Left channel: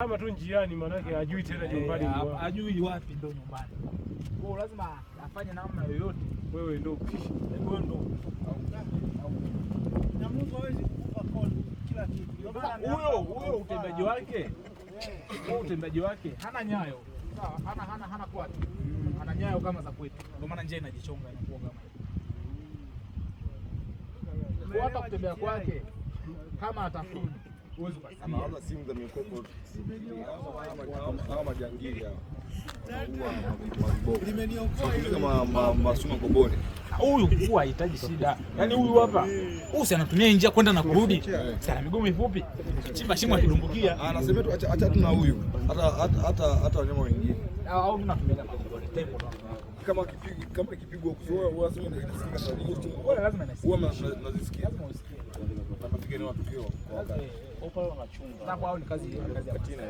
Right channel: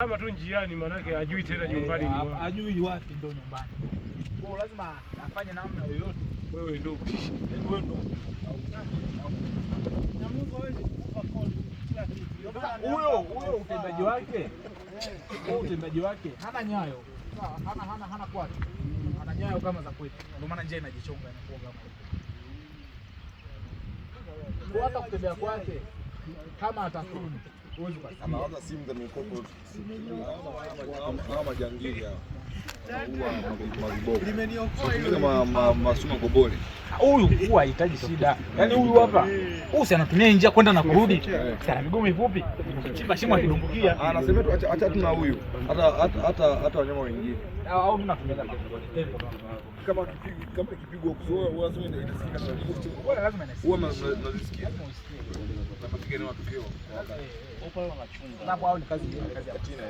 Kama tu njiani manake hajui tena nyumbani. Hajui wapi ndo nyumbani. Kwa lazima afanye namna yoyote. Wewe ndo. Wewe ndo. Na Mungu hawezi kukupa kodi kila kitu. Huyo utendaji wake. Huyo utendaji wake hana nyayo. Sawa, hana kwake. Ana nyayo kama za kwetu. Ndio maana njia inajichonga inakuwa kama hiyo. Hata kutembea kwake kama atafuni anaanza simu za mikoko kama jangili hapa masuma kobole. Huyu huwa hahitaji shida. Yaani huyu hapa si anatumia njia kwenda na kurudi. Sana miguu mifupi. Chimba shimo akidumbukia. Anasema tu acha tu na huyu. Hata wanyama wengine. Au mimi natumia tempo. Kama ikipigwa kuzoea unasema inasikika sauti. Wewe lazima inasikia. Huwa unazisikia. Unapiga na matukio. Hapo wanachunga. Hapo ni kazi ya Tina.